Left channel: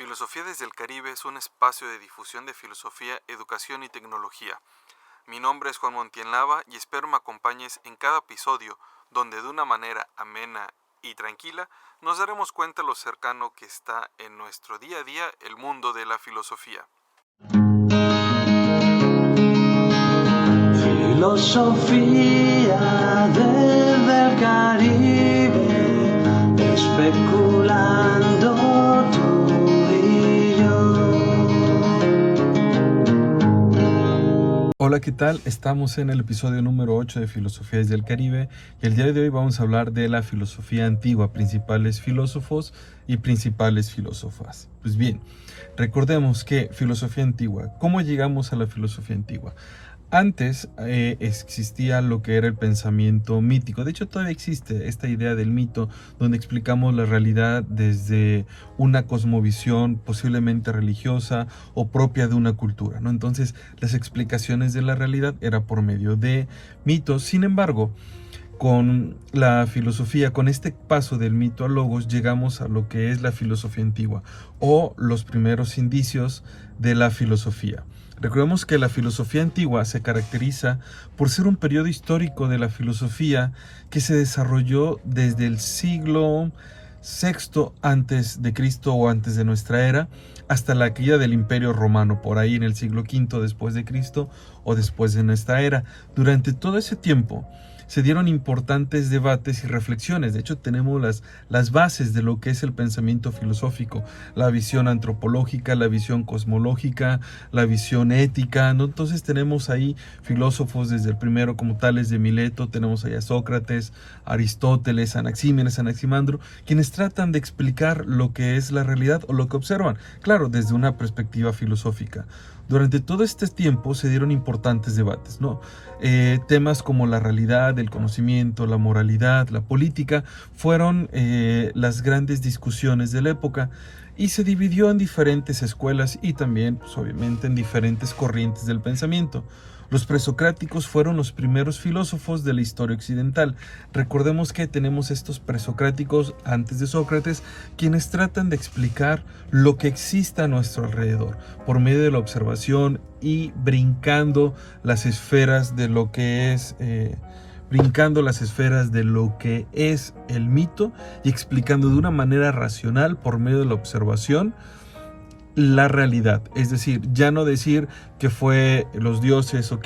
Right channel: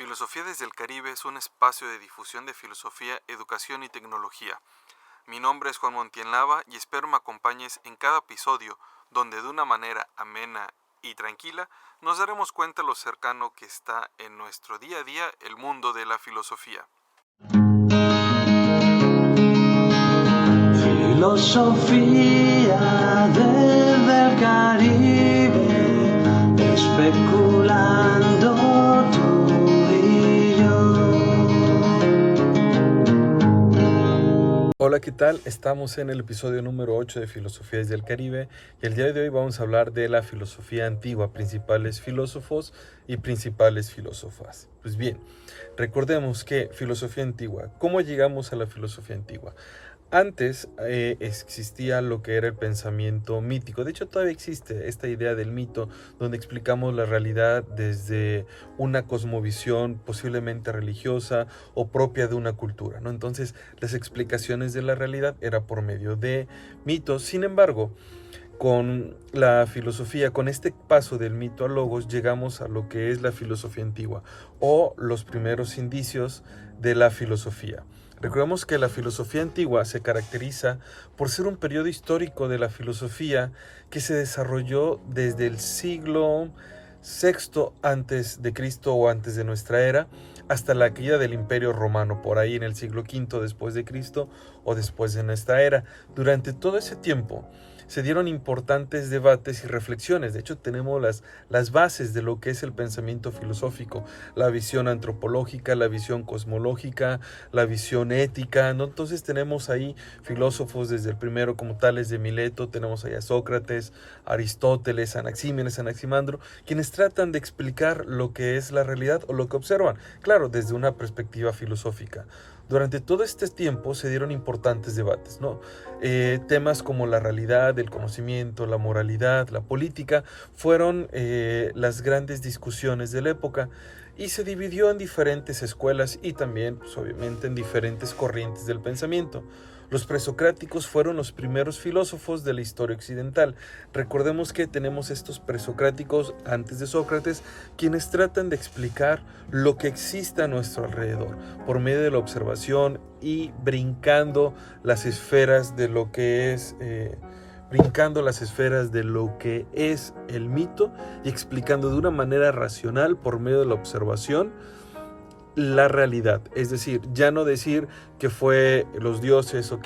Filosofía desde el Caribe es un espacio de difusión de filosofía, educación y tecnología. Mi nombre es Juan Montienlava y espero me acompañes en cada episodio donde de una manera amena y tranquila nos daremos cuenta lo cercano que está en nuestro día a día el mundo de la filosofía. Filosofía desde el Caribe, especulando tú y yo. Hola, ¿qué tal? Estamos en el episodio número 8 de Filosofía desde el Caribe y el día de hoy vamos a hablar de la filosofía antigua, principales filósofos y principales filósofas. Pues bien, recordemos que filosofía antigua, ¿cómo llegamos a la filosofía antigua? Antes existía lo que era el pensamiento mítico. De hecho, todavía existe esta idea del mito, donde explicamos la realidad desde una cosmovisión posiblemente religiosa o propia de una cultura, ¿no? Entonces, las explicaciones de la realidad era por medio de mitos. Sin embargo, con la filosofía, con este paso del mito al logos, llegamos a lo que es la filosofía antigua o los primeros indicios de la filosofía. Recordemos que la filosofía antigua se caracteriza por ser un periodo histórico de la filosofía que se desarrolló desde el siglo VI antes de Cristo o antes de nuestra era hasta la caída del Imperio Romano, por ahí en el siglo V después de Cristo o después de nuestra era. Durante todo ese tiempo se dieron importantes debates y reflexiones. De hecho, tenemos las bases de lo que es el pensamiento filosófico, la visión antropológica, la visión cosmológica, la visión ética, ¿no? Entonces tenemos ahí filósofos desde el primero como Tales de Mileto, tenemos ahí a Sócrates, Aristóteles, Anaxímenes, Anaximandro, quienes tratan de explicar lo que es la realidad o lo que observan, claro, desde una perspectiva filosófica. Durante todo este tiempo se dieron importantes debates, ¿no? Temas como la realidad, el conocimiento, la moralidad, la política, fueron las grandes discusiones de la época y se dividió en diferentes escuelas y también, pues, obviamente, en diferentes corrientes del pensamiento. Los presocráticos fueron los primeros filósofos de la historia occidental. Recordemos que tenemos estos presocráticos antes de Sócrates, quienes tratan de explicar lo que existe a nuestro alrededor por medio de la observación y brincando las esferas de lo que es el mito y explicando de una manera racional por medio de la observación la realidad. Es decir, ya no decir que fue los dioses o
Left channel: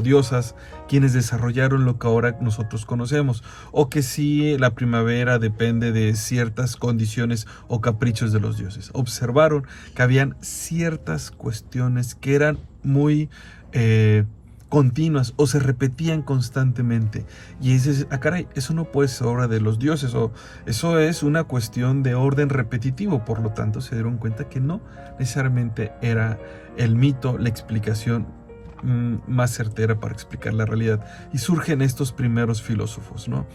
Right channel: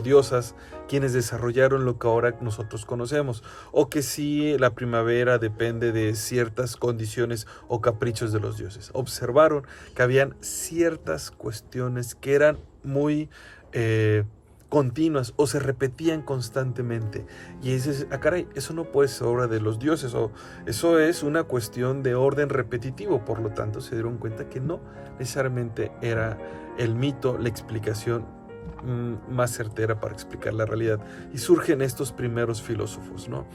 diosas quienes desarrollaron lo que ahora nosotros conocemos, o que sí la primavera depende de ciertas condiciones o caprichos de los dioses. Observaron que habían ciertas cuestiones que eran muy continuas o se repetían constantemente y dices, caray, eso no puede ser obra de los dioses o eso es una cuestión de orden repetitivo. Por lo tanto, se dieron cuenta que no necesariamente era el mito la explicación más certera para explicar la realidad, y surgen estos primeros filósofos, ¿no?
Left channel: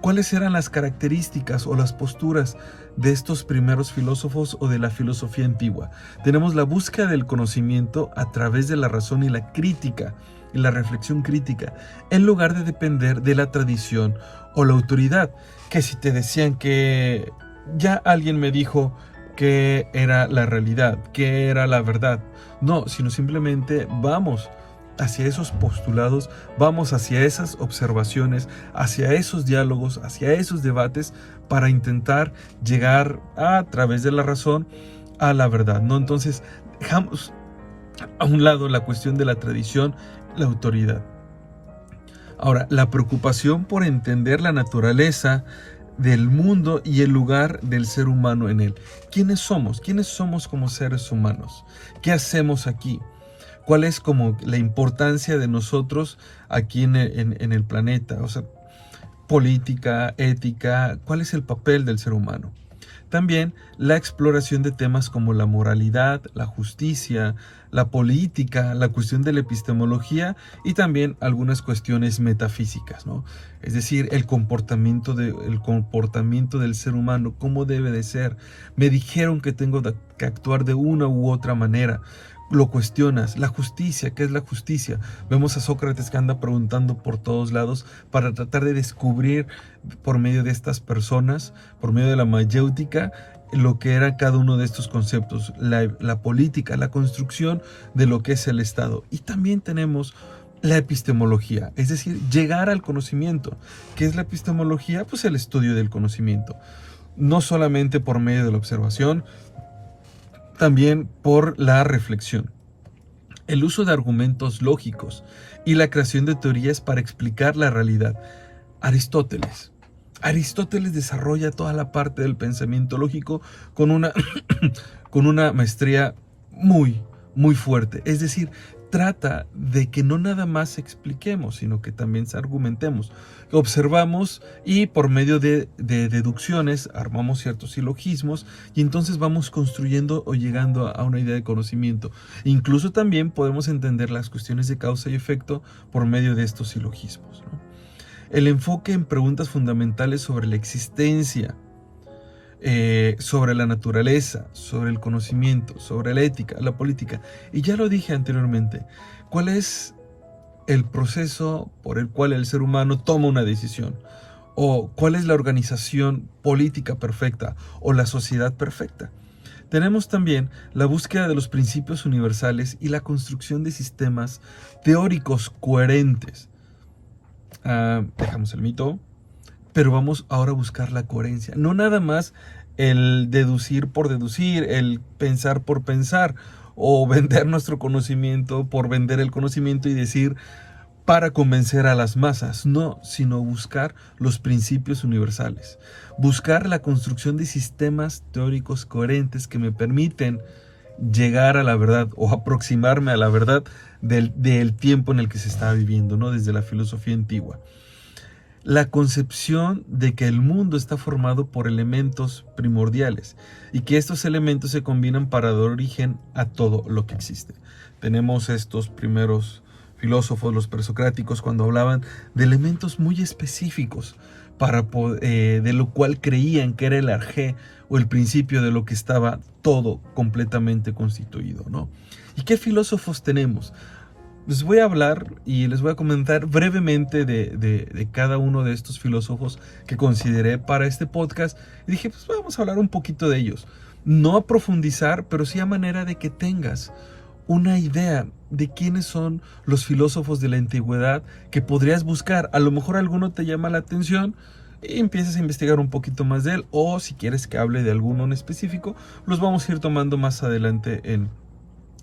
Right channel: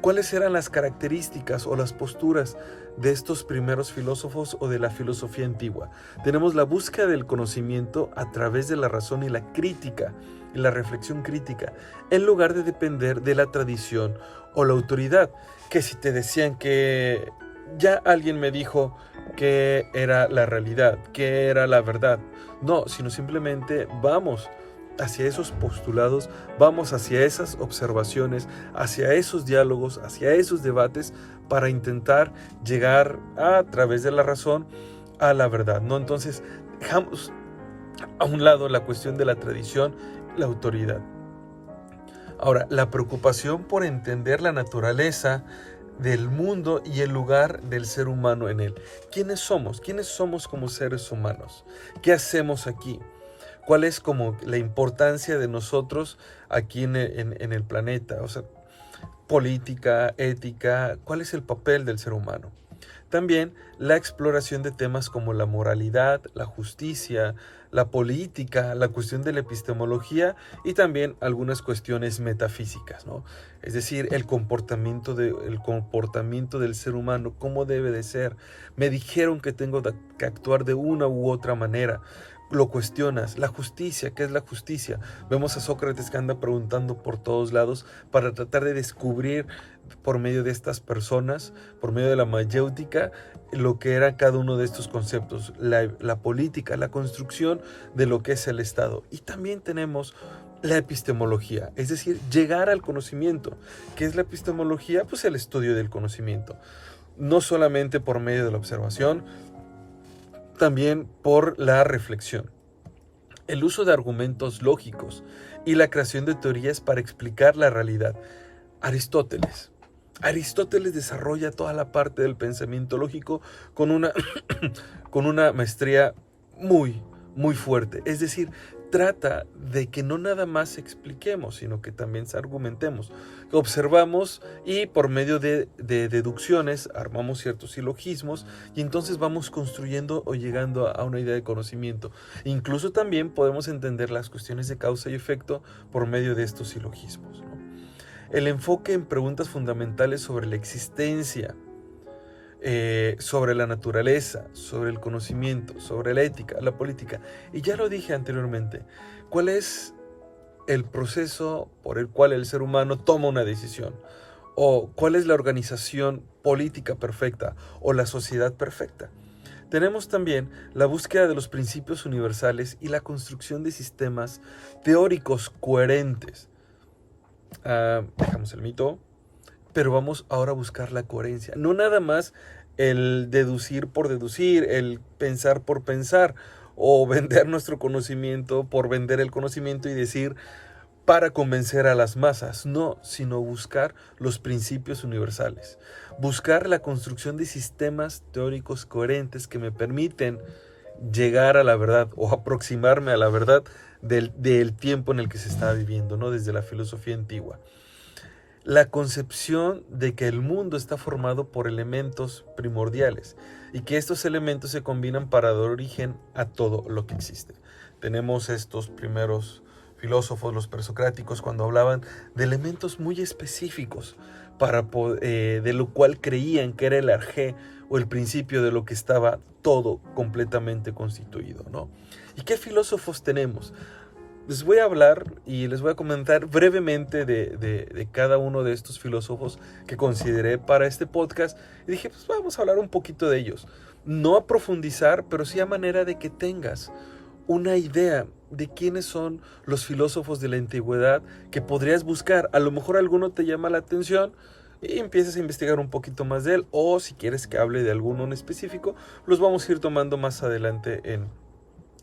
¿Cuáles eran las características o las posturas de estos primeros filósofos o de la filosofía antigua? Tenemos la búsqueda del conocimiento a través de la razón y la crítica y la reflexión crítica, en lugar de depender de la tradición o la autoridad, que si te decían que ya alguien me dijo que era la realidad, que era la verdad, no, sino simplemente vamos hacia esos postulados, vamos hacia esas observaciones, hacia esos diálogos, hacia esos debates para intentar llegar a través de la razón a la verdad, ¿no? Entonces dejamos a un lado la cuestión de la tradición, la autoridad. Ahora, la preocupación por entender la naturaleza del mundo y el lugar del ser humano en él. ¿Quiénes somos? ¿Quiénes somos como seres humanos? ¿Qué hacemos aquí? ¿Cuál es como la importancia de nosotros aquí en el planeta? O sea, política, ética, ¿cuál es el papel del ser humano? También la exploración de temas como la moralidad, la justicia, la política, la cuestión de la epistemología y también algunas cuestiones metafísicas, ¿no? Es decir, el comportamiento del ser humano, cómo debe de ser. Me dijeron que tengo que actuar de una u otra manera. lo cuestionas. La justicia, ¿qué es la justicia? Vemos a Sócrates que anda preguntando por todos lados para tratar de descubrir por medio de estas personas, por medio de la mayéutica, lo que era cada uno de estos conceptos, la política, la construcción de lo que es el Estado. Y también tenemos la epistemología, es decir, llegar al conocimiento. ¿Qué es la epistemología? Pues el estudio del conocimiento. No solamente por medio de la observación, también por la reflexión. El uso de argumentos lógicos y la creación de teorías para explicar la realidad. Aristóteles desarrolla toda la parte del pensamiento lógico con una, con una maestría muy, muy fuerte. Es decir, trata de que no nada más expliquemos, sino que también argumentemos. Observamos y por medio de deducciones armamos ciertos silogismos y entonces vamos construyendo o llegando a una idea de conocimiento. Incluso también podemos entender las cuestiones de causa y efecto por medio de estos silogismos, ¿no? El enfoque en preguntas fundamentales sobre la existencia, sobre la naturaleza, sobre el conocimiento, sobre la ética, la política. Y ya lo dije anteriormente, ¿cuál es el proceso por el cual el ser humano toma una decisión? ¿O cuál es la organización política perfecta o la sociedad perfecta? Tenemos también la búsqueda de los principios universales y la construcción de sistemas teóricos coherentes. Dejamos el mito, pero vamos ahora a buscar la coherencia. No nada más el deducir por deducir, el pensar por pensar, o vender nuestro conocimiento por vender el conocimiento y decir para convencer a las masas. No, sino buscar los principios universales. Buscar la construcción de sistemas teóricos coherentes que me permiten llegar a la verdad o aproximarme a la verdad del tiempo en el que se está viviendo, ¿no? Desde la filosofía antigua. La concepción de que el mundo está formado por elementos primordiales y que estos elementos se combinan para dar origen a todo lo que existe. Tenemos estos primeros filósofos, los presocráticos, cuando hablaban de elementos muy específicos de lo cual creían que era el arjé o el principio de lo que estaba todo completamente constituido, ¿no? ¿Y qué filósofos tenemos? Les voy a hablar y les voy a comentar brevemente de cada uno de estos filósofos que consideré para este podcast. Y dije, pues vamos a hablar un poquito de ellos. No a profundizar, pero sí a manera de que tengas una idea de quiénes son los filósofos de la antigüedad que podrías buscar. A lo mejor alguno te llama la atención y empiezas a investigar un poquito más de él. O si quieres que hable de alguno en específico, los vamos a ir tomando más adelante en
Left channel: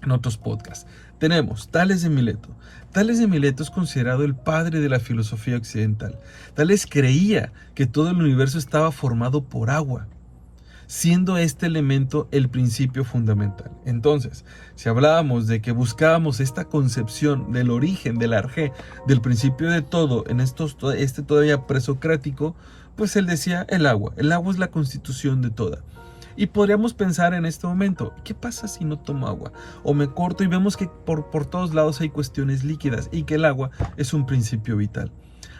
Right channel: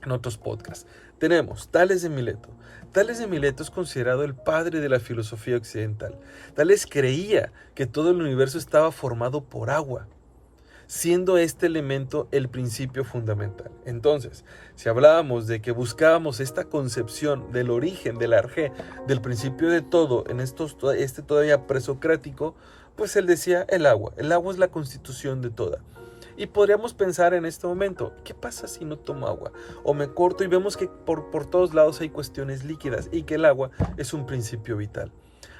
otros podcasts. Tenemos Tales de Mileto. Tales de Mileto es considerado el padre de la filosofía occidental. Tales creía que todo el universo estaba formado por agua, siendo este elemento el principio fundamental. Entonces, si hablábamos de que buscábamos esta concepción del origen, del arjé, del principio de todo, en este todavía presocrático, pues él decía el agua. El agua es la constitución de toda. Y podríamos pensar en este momento, ¿qué pasa si no tomo agua? O me corto y vemos que por todos lados hay cuestiones líquidas y que el agua es un principio vital.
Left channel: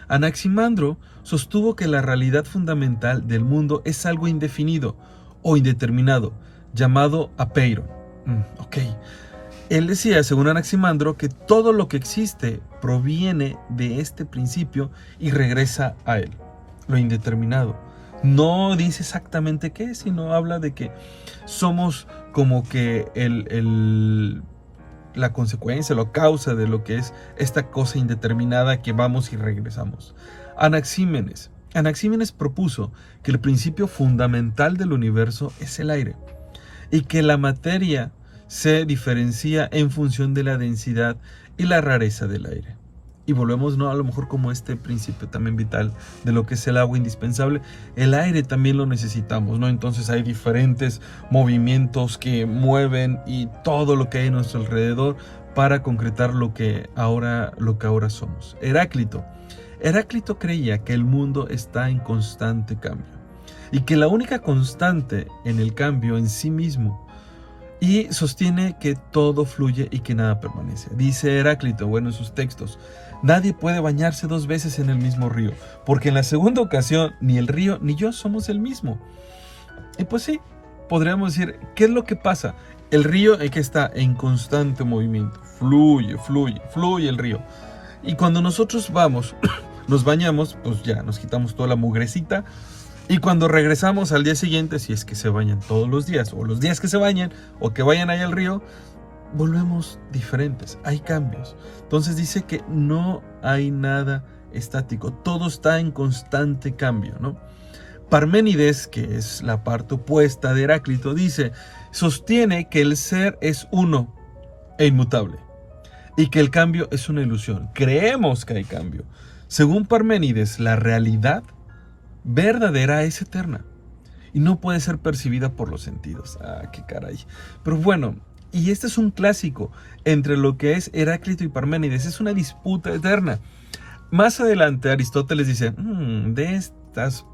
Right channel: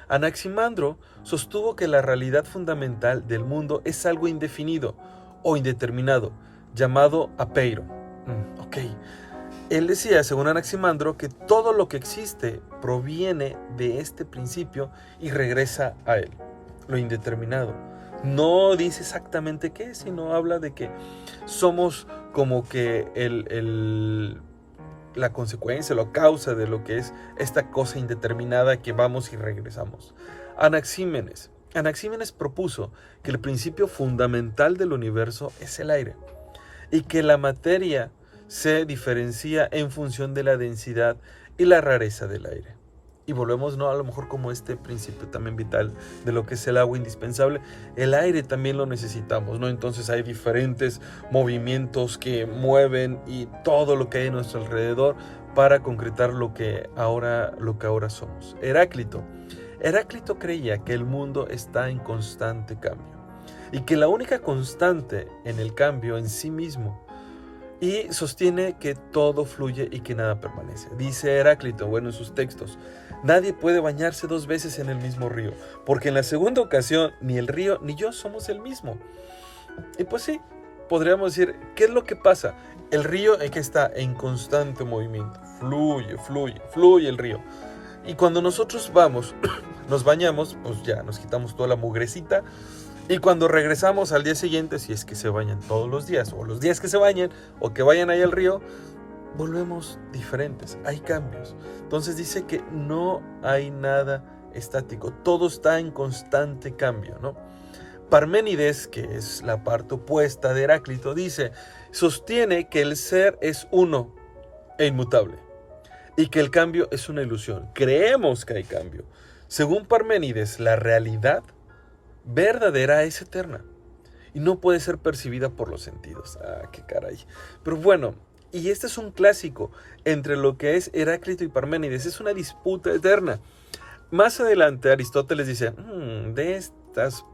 Anaximandro sostuvo que la realidad fundamental del mundo es algo indefinido o indeterminado, llamado apeiron. Él decía, según Anaximandro, que todo lo que existe proviene de este principio y regresa a él, lo indeterminado. No dice exactamente qué, sino habla de que somos como que la consecuencia, la causa de lo que es esta cosa indeterminada que vamos y regresamos. Anaxímenes propuso que el principio fundamental del universo es el aire y que la materia se diferencia en función de la densidad y la rareza del aire. Y volvemos, ¿no?, a lo mejor como este principio también vital de lo que es el agua indispensable. El aire también lo necesitamos, ¿no? Entonces hay diferentes movimientos que mueven y todo lo que hay a nuestro alrededor para concretar lo que ahora somos. Heráclito creía que el mundo está en constante cambio y que la única constante en el cambio en sí mismo, y sostiene que todo fluye y que nada permanece. Dice Heráclito, en sus textos, nadie puede bañarse 2 veces en el mismo río, porque en la segunda ocasión ni el río ni yo somos el mismo. Y pues sí, podríamos decir, ¿qué es lo que pasa? El río es que está en constante movimiento, fluye el río. Y cuando nosotros vamos, nos bañamos, pues ya nos quitamos toda la mugrecita. Y cuando regresamos al día siguiente, si es que se bañan todos los días, o los días que se bañan, o que vayan ahí al río, volvemos diferentes, hay cambios. Entonces dice que no hay nada estático, todo está en constante cambio, ¿no? Parménides, que es la parte opuesta de Heráclito, dice, sostiene que el ser es uno e inmutable, y que el cambio es una ilusión. Creemos que hay cambio. Según Parménides, la realidad verdadera es eterna y no puede ser percibida por los sentidos. Ah, qué caray. Pero bueno, y este es un clásico entre lo que es Heráclito y Parménides. Es una disputa eterna. Más adelante Aristóteles dice, de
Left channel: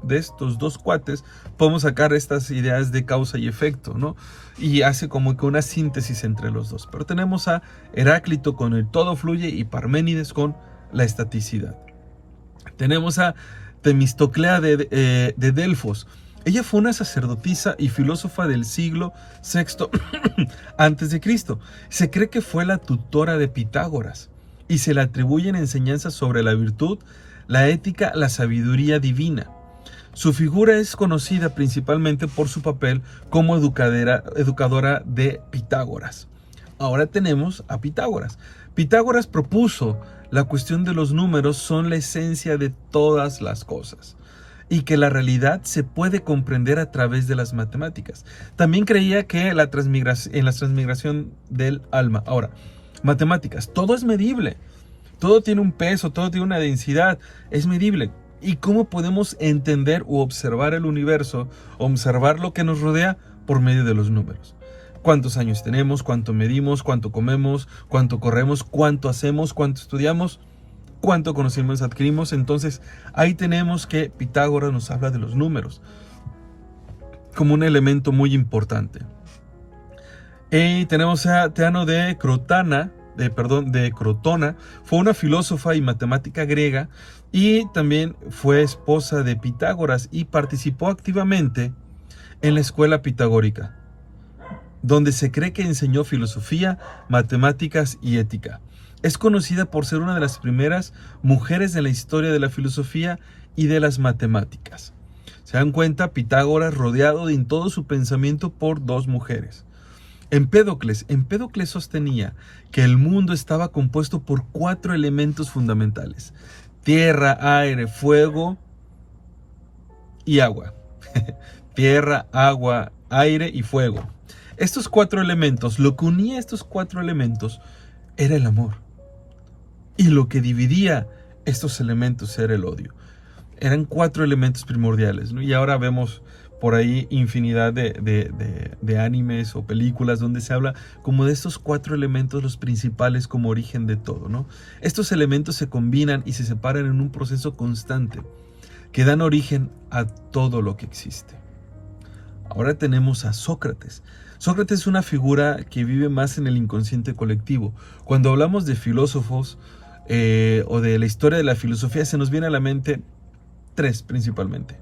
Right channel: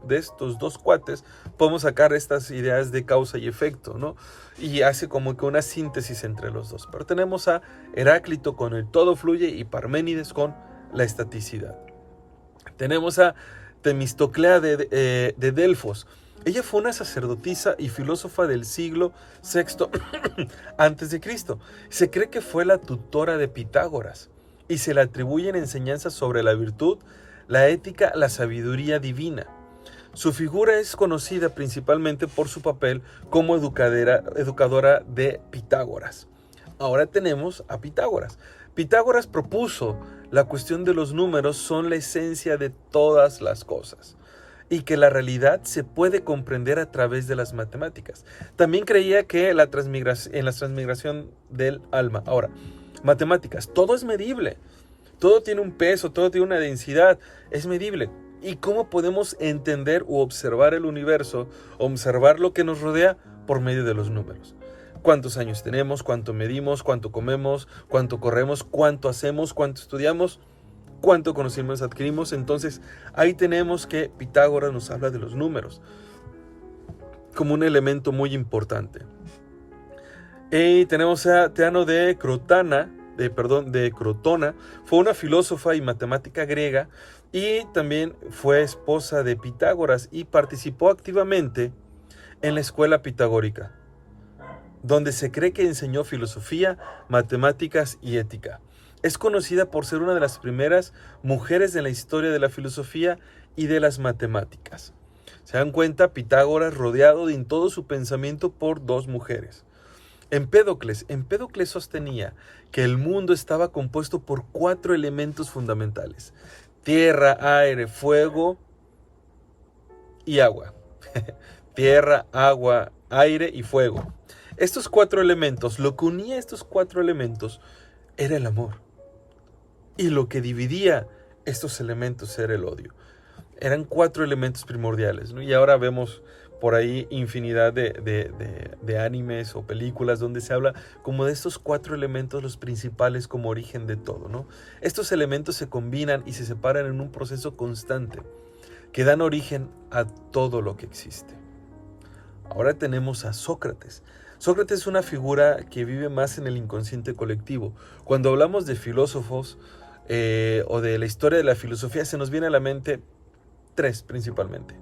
estos dos cuates podemos sacar estas ideas de causa y efecto, ¿no? Y hace como que una síntesis entre los dos. Pero tenemos a Heráclito con el todo fluye y Parménides con la estaticidad. Tenemos a Temistoclea de Delfos. Ella fue una sacerdotisa y filósofa del siglo VI antes de Cristo. Se cree que fue la tutora de Pitágoras y se le atribuyen enseñanzas sobre la virtud, la ética, la sabiduría divina. Su figura es conocida principalmente por su papel como educadora de Pitágoras. Ahora tenemos a Pitágoras. Pitágoras propuso la cuestión de los números son la esencia de todas las cosas y que la realidad se puede comprender a través de las matemáticas. También creía que en la transmigración del alma. Ahora, matemáticas, todo es medible, todo tiene un peso, todo tiene una densidad, es medible. ¿Y cómo podemos entender u observar el universo, observar lo que nos rodea por medio de los números? ¿Cuántos años tenemos? ¿Cuánto medimos? ¿Cuánto comemos? ¿Cuánto corremos? ¿Cuánto hacemos? ¿Cuánto estudiamos? ¿Cuánto conocimientos adquirimos? Entonces, ahí tenemos que Pitágoras nos habla de los números como un elemento muy importante. Y tenemos a Teano de Crotona, fue una filósofa y matemática griega y también fue esposa de Pitágoras y participó activamente en la escuela pitagórica, donde se cree que enseñó filosofía, matemáticas y ética. Es conocida por ser una de las primeras mujeres de la historia de la filosofía y de las matemáticas. Se dan cuenta, Pitágoras rodeado en todo su pensamiento por dos mujeres. Empédocles sostenía que el mundo estaba compuesto por 4 elementos fundamentales: tierra, aire, fuego y agua. Tierra, agua, aire y fuego. Estos 4 elementos, lo que unía a estos 4 elementos era el amor. Y lo que dividía estos elementos era el odio. Eran 4 elementos primordiales, ¿no? Y ahora vemos por ahí infinidad de animes o películas donde se habla como de estos 4 elementos, los principales como origen de todo, ¿no? Estos elementos se combinan y se separan en un proceso constante que dan origen a todo lo que existe. Ahora tenemos a Sócrates. Sócrates es una figura que vive más en el inconsciente colectivo. Cuando hablamos de filósofos o de la historia de la filosofía, se nos viene a la mente 3 principalmente:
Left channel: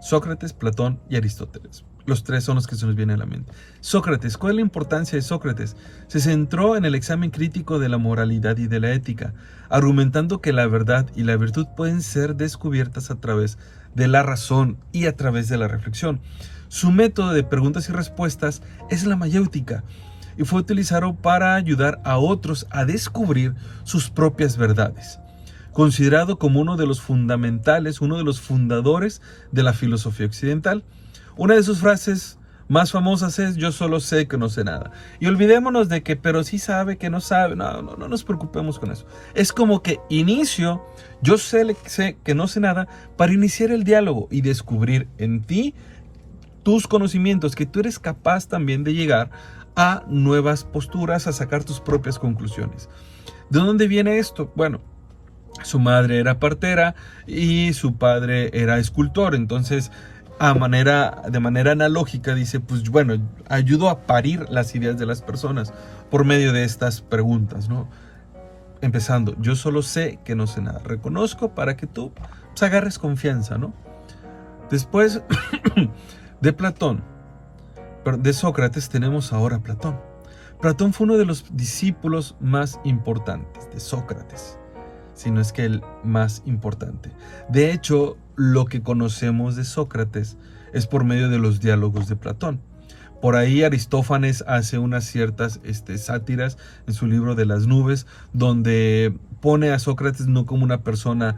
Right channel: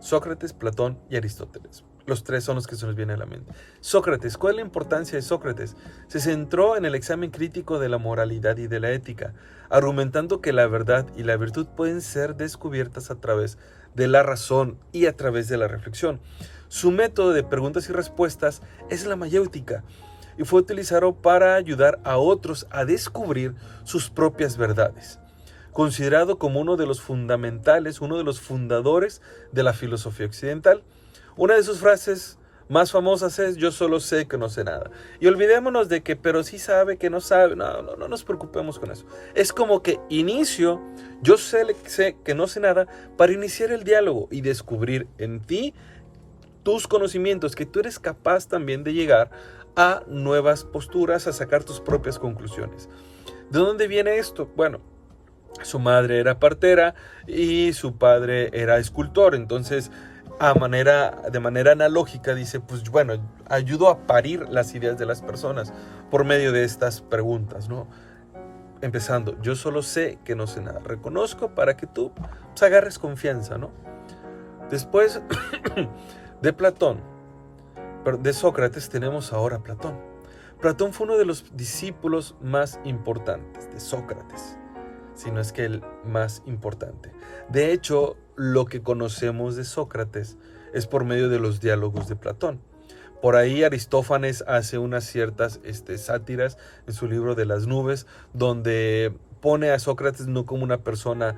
Sócrates, Platón y Aristóteles. Los 3 son los que se nos vienen a la mente. Sócrates, ¿cuál es la importancia de Sócrates? Se centró en el examen crítico de la moralidad y de la ética, argumentando que la verdad y la virtud pueden ser descubiertas a través de la razón y a través de la reflexión. Su método de preguntas y respuestas es la mayéutica y fue utilizado para ayudar a otros a descubrir sus propias verdades. Considerado como uno de los fundamentales, uno de los fundadores de la filosofía occidental, una de sus frases más famosas es: yo solo sé que no sé nada. Y olvidémonos de que, pero sí sabe que no sabe. No nos preocupemos con eso. Es como que inicio, yo sé que no sé nada, para iniciar el diálogo y descubrir en ti tus conocimientos, que tú eres capaz también de llegar a nuevas posturas, a sacar tus propias conclusiones. ¿De dónde viene esto? Bueno, su madre era partera y su padre era escultor. Entonces, de manera analógica, dice, pues bueno, ayudo a parir las ideas de las personas por medio de estas preguntas, ¿no? Empezando, yo solo sé que no sé nada. Reconozco para que tú pues, agarres confianza, ¿no? Después de Platón, de Sócrates tenemos ahora a Platón. Platón fue uno de los discípulos más importantes de Sócrates, si no es que el más importante. De hecho, lo que conocemos de Sócrates es por medio de los diálogos de Platón. Por ahí Aristófanes hace unas ciertas sátiras en su libro de las nubes, donde pone a Sócrates no como una persona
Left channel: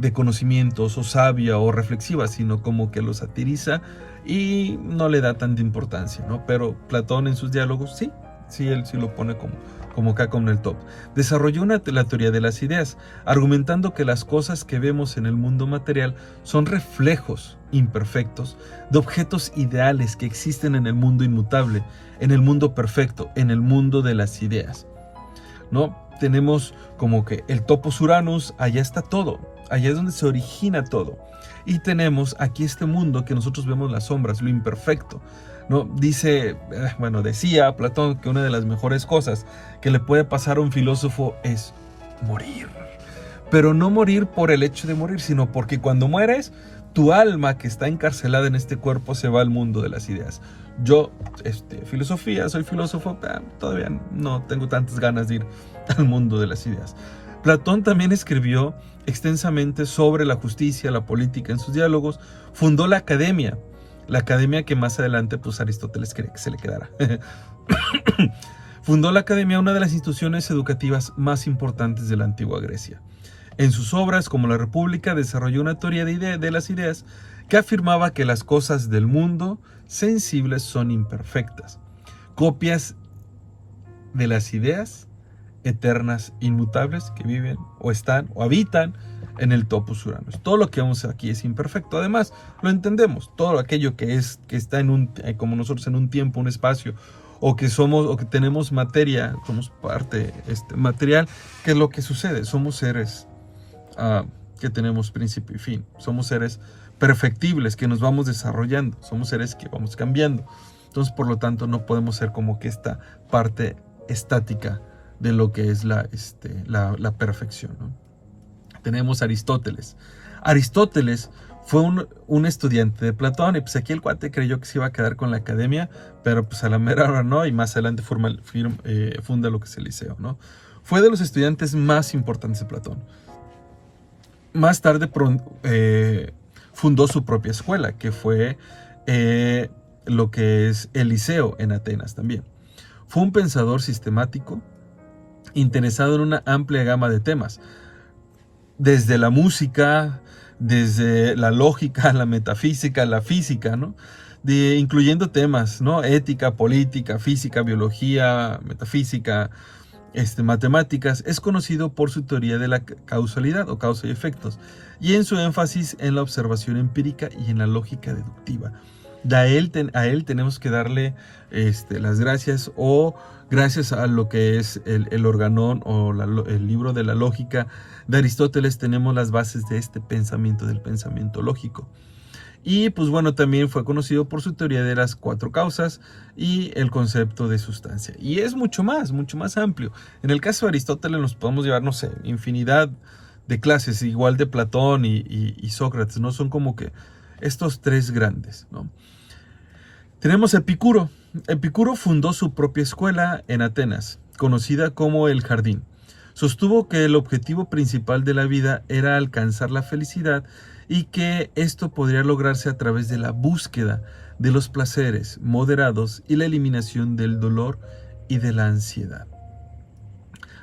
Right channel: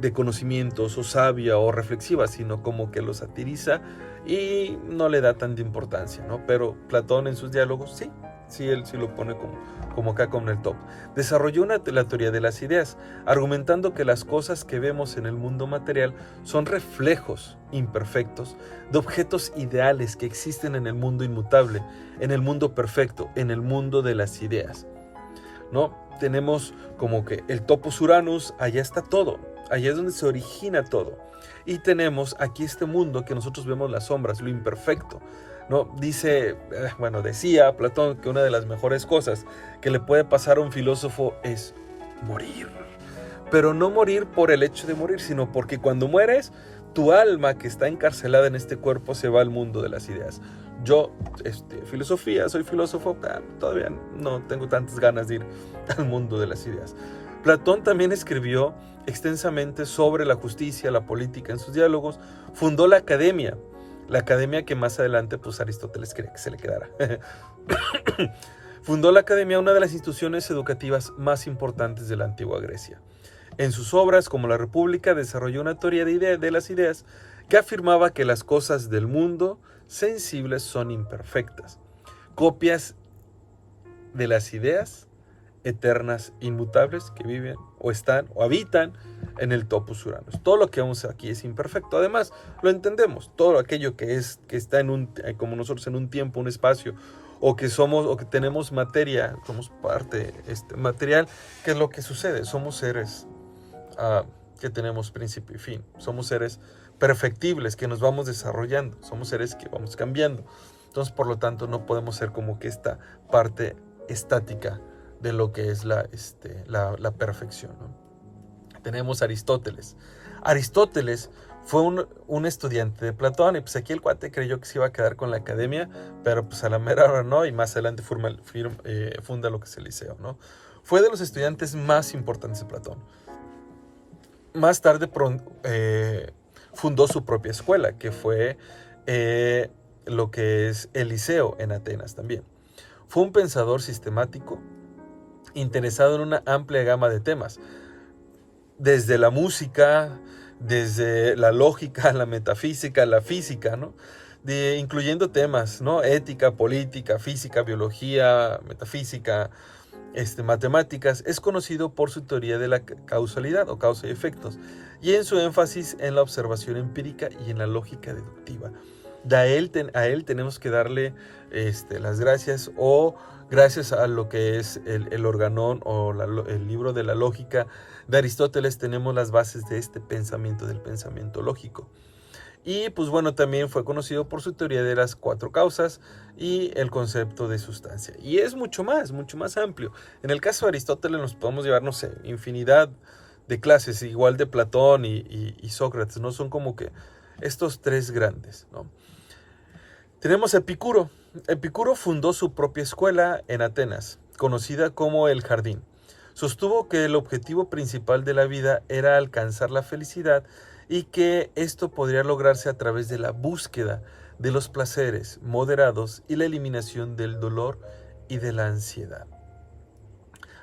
de conocimientos o sabia o reflexiva, sino como que lo satiriza y no le da tanta importancia, ¿no? Pero Platón en sus diálogos, sí, él sí lo pone como acá con el top. Desarrolló la teoría de las ideas, argumentando que las cosas que vemos en el mundo material son reflejos imperfectos de objetos ideales que existen en el mundo inmutable, en el mundo perfecto, en el mundo de las ideas, ¿no? Tenemos como que el topos Uranus, allá está todo, allá es donde se origina todo. Y tenemos aquí este mundo que nosotros vemos las sombras, lo imperfecto, ¿no? Decía Platón que una de las mejores cosas que le puede pasar a un filósofo es morir. Pero no morir por el hecho de morir, sino porque cuando mueres, tu alma que está encarcelada en este cuerpo se va al mundo de las ideas. Yo, filosofía, soy filósofo, todavía no tengo tantas ganas de ir al mundo de las ideas. Platón también escribió extensamente sobre la justicia, la política en sus diálogos. Fundó la academia que más adelante pues Aristóteles quería que se le quedara. Fundó la academia, una de las instituciones educativas más importantes de la antigua Grecia. En sus obras, como La República, desarrolló una teoría de las ideas que afirmaba que las cosas del mundo sensibles son imperfectas, copias de las ideas eternas, inmutables, que viven o están o habitan en el topos Uranus. Todo lo que vemos aquí es imperfecto. Además, lo entendemos. Todo aquello que está como nosotros en un tiempo, un espacio, o que tenemos materia, somos parte material, ¿qué es lo que sucede? Somos seres que tenemos principio y fin. Somos seres perfectibles que nos vamos desarrollando. Somos seres que vamos cambiando. Entonces, por lo tanto, no podemos ser como que esta parte estática de lo que es la perfección, ¿no? Tenemos a Aristóteles. Aristóteles fue un estudiante de Platón y pues aquí el cuate creyó que se iba a quedar con la academia, pero pues a la mera hora no, y más adelante funda lo que es el Liceo, ¿no? Fue de los estudiantes más importantes de Platón. Más tarde fundó su propia escuela, que fue lo que es el Liceo en Atenas también. Fue un pensador sistemático, interesado en una amplia gama de temas, desde la música, desde la lógica, la metafísica, la física, ¿no? Incluyendo temas, ¿no? Ética, política, física, biología, metafísica, matemáticas. Es conocido por su teoría de la causalidad o causa y efectos, y en su énfasis en la observación empírica y en la lógica deductiva. A él tenemos que darle las gracias, o gracias a lo que es el Organón o el libro de la lógica de Aristóteles, tenemos las bases de este pensamiento, del pensamiento lógico. Y pues bueno, también fue conocido por su teoría de las 4 causas y el concepto de sustancia. Y es mucho más amplio. En el caso de Aristóteles nos podemos llevar, no sé, infinidad de clases, igual de Platón y Sócrates, ¿no? Son como que estos 3 grandes, ¿no? Tenemos a Epicuro. Epicuro fundó su propia escuela en Atenas, conocida como el Jardín. Sostuvo que el objetivo principal de la vida era alcanzar la felicidad y que esto podría lograrse a través de la búsqueda de los placeres moderados y la eliminación del dolor y de la ansiedad.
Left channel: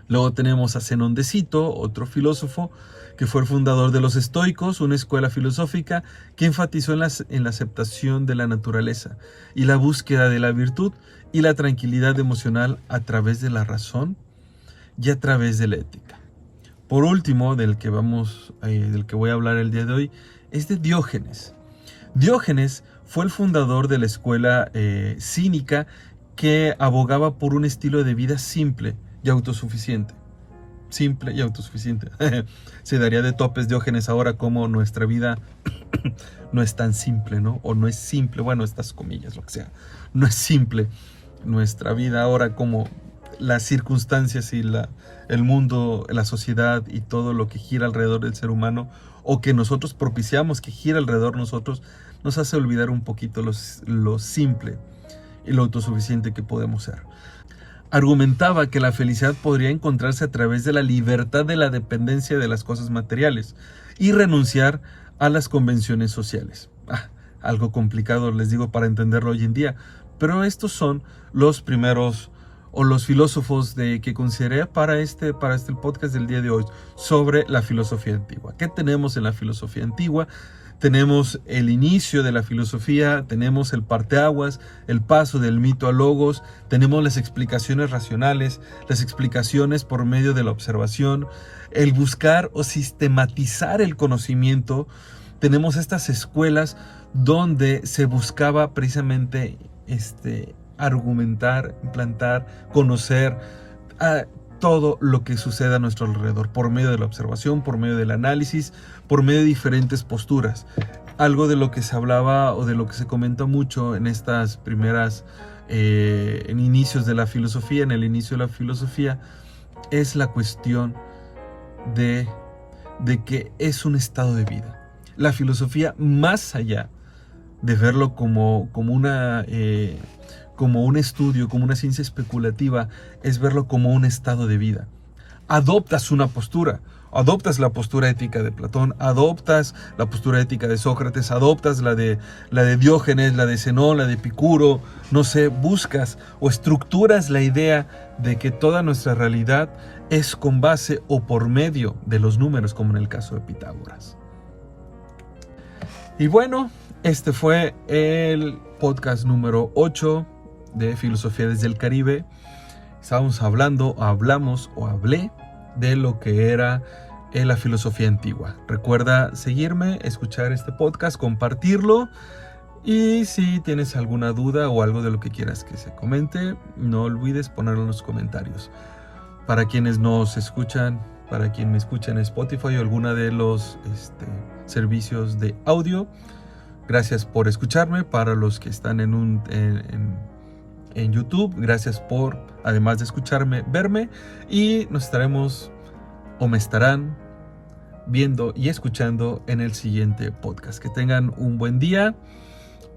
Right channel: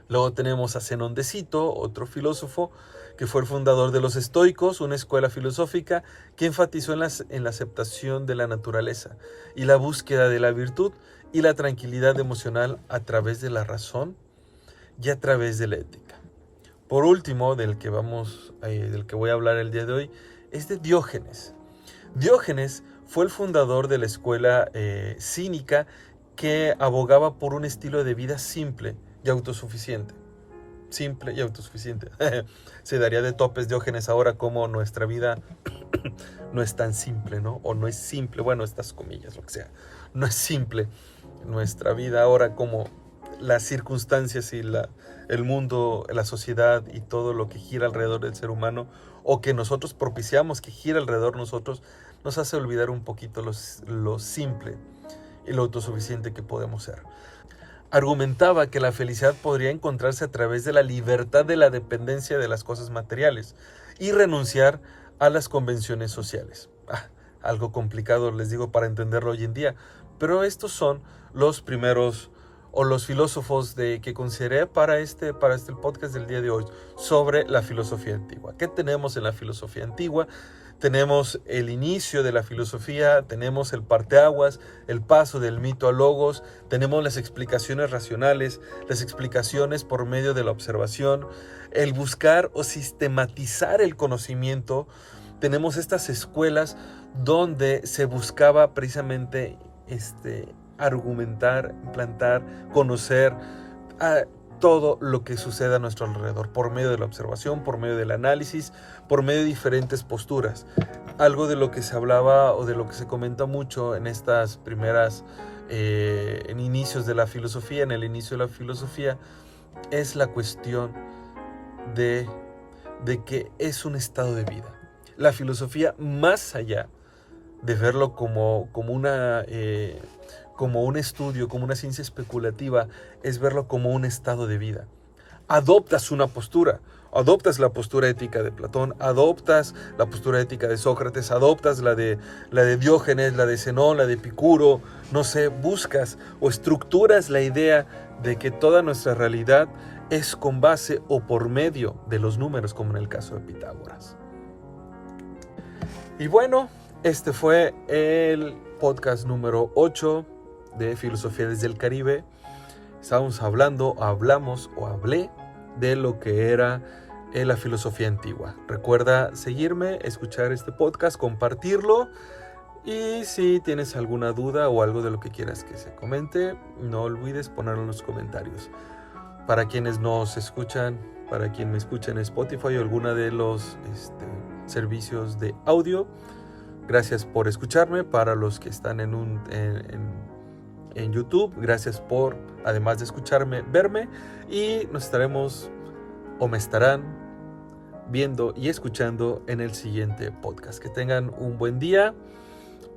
Luego tenemos a Zenón de Cito, otro filósofo que fue el fundador de los estoicos, una escuela filosófica que enfatizó en la aceptación de la naturaleza y la búsqueda de la virtud y la tranquilidad emocional a través de la razón y a través de la ética. Por último, del que voy a hablar el día de hoy, es de Diógenes. Diógenes fue el fundador de la escuela cínica que abogaba por un estilo de vida simple y autosuficiente. Simple y autosuficiente. Se daría de topes Diógenes ahora como nuestra vida no es tan simple, ¿no? O no es simple, bueno, estas comillas, lo que sea. No es simple nuestra vida ahora, como las circunstancias y el mundo, la sociedad y todo lo que gira alrededor del ser humano, o que nosotros propiciamos que gira alrededor de nosotros, nos hace olvidar un poquito lo simple y lo autosuficiente que podemos ser. Argumentaba que la felicidad podría encontrarse a través de la libertad de la dependencia de las cosas materiales y renunciar a las convenciones sociales. Algo complicado, les digo, para entenderlo hoy en día, pero estos son los primeros o los filósofos que consideré para el podcast del día de hoy sobre la filosofía antigua. ¿Qué tenemos en la filosofía antigua? Tenemos el inicio de la filosofía, tenemos el parteaguas, el paso del mito al logos, tenemos las explicaciones racionales, las explicaciones por medio de la observación, el buscar o sistematizar el conocimiento. Tenemos estas escuelas donde se buscaba precisamente argumentar, implantar, conocer todo lo que sucede a nuestro alrededor por medio de la observación, por medio del análisis, por medio de diferentes posturas. Algo de lo que se hablaba o de lo que se comenta mucho en estas primeras en inicios de la filosofía, en el inicio de la filosofía, es la cuestión de que es un estado de vida. La filosofía, más allá de verlo como un estudio, como una ciencia especulativa, es verlo como un estado de vida. Adoptas una postura, adoptas la postura ética de Platón, adoptas la postura ética de Sócrates, adoptas la de Diógenes, la de Zenón, la de Epicuro, no sé, buscas o estructuras la idea de que toda nuestra realidad es con base o por medio de los números, como en el caso de Pitágoras. Y bueno, este fue el podcast número 8 de Filosofía desde el Caribe. Hablé de lo que era la filosofía antigua. Recuerda seguirme, escuchar este podcast, compartirlo, y si tienes alguna duda o algo de lo que quieras que se comente, no olvides ponerlo en los comentarios. Para quienes nos escuchan, para quien me escucha en Spotify o alguna de los servicios de audio, gracias por escucharme. Para los que están en YouTube, gracias por, además de escucharme, verme, y me estarán viendo y escuchando en el siguiente podcast. Que tengan un buen día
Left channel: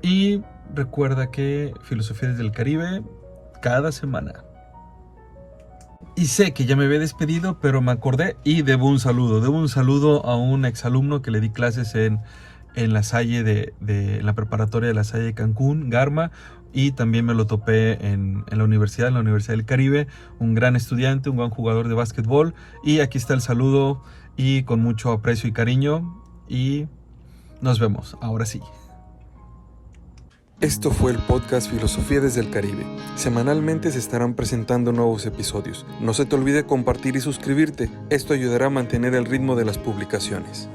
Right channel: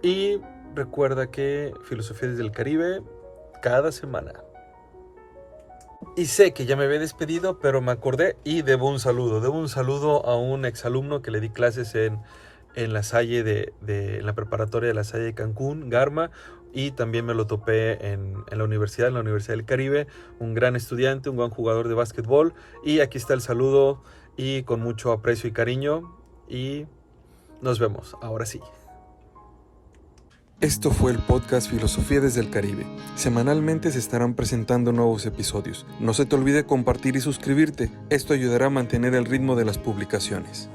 y recuerda que Filosofía desde el Caribe cada semana. Y sé que ya me había despedido, pero me acordé y debo un saludo a un exalumno que le di clases en La Salle en la preparatoria de La Salle de Cancún, Garma, y también me lo topé en la Universidad del Caribe, un gran estudiante, un gran jugador de básquetbol, y aquí está el saludo, y con mucho aprecio y cariño, y nos vemos, ahora sí. Esto fue el podcast Filosofía desde el Caribe. Semanalmente se estarán presentando nuevos episodios. No se te olvide compartir y suscribirte, esto ayudará a mantener el ritmo de las publicaciones.